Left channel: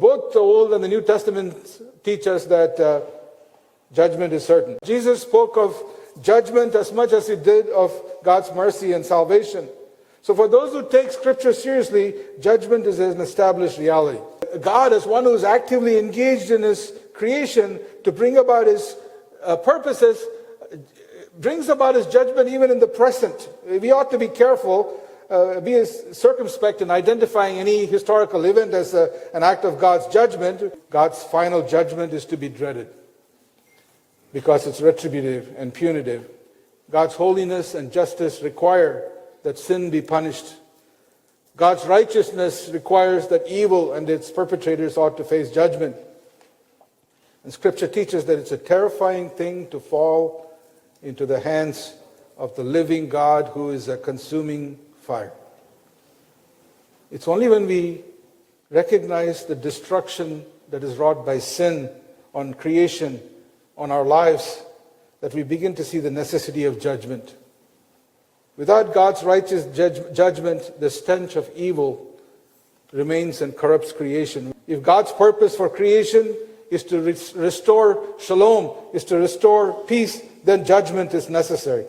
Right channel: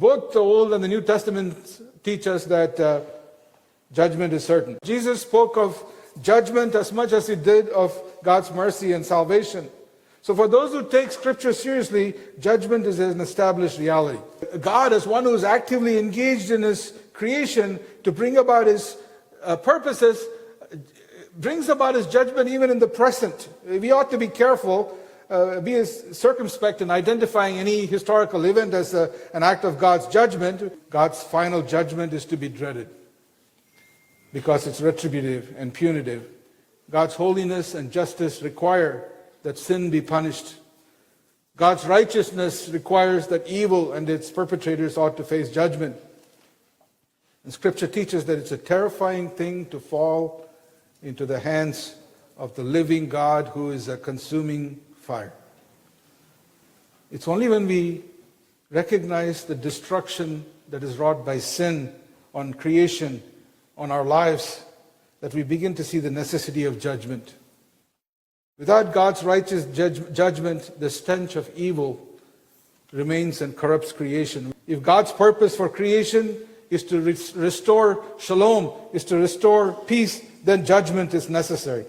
both the Old and the New Testament teach us that judgment is certain. Jesus spoke of judgment as much as he did of God's mercy and salvation. So for those who take Scripture seriously, judgment is an established reality. God, as one who is actively engaged in his creation to bring about his purposes, brings about his judgment even in the present. We ought to be careful, be circumspect in identifying any historical event as an act of God's judgment. God's final judgment is to be dreaded because it's retributive and punitive. God's holiness and justice require that sin be punished. God's righteousness requires that evil and its perpetrators ought to face judgment. And Scripture teaches that it's a terrifying thing to fall into the hands of the living God who is a consuming fire. It's only when we recognize the destruction that is wrought by sin on creation, on our lives, that we begin to see the necessity of judgment. Without God's righteous judgment, the stench of evil remains and corrupts creation. If God's purpose for creation is to restore shalom, is to restore peace, then judgment is necessary.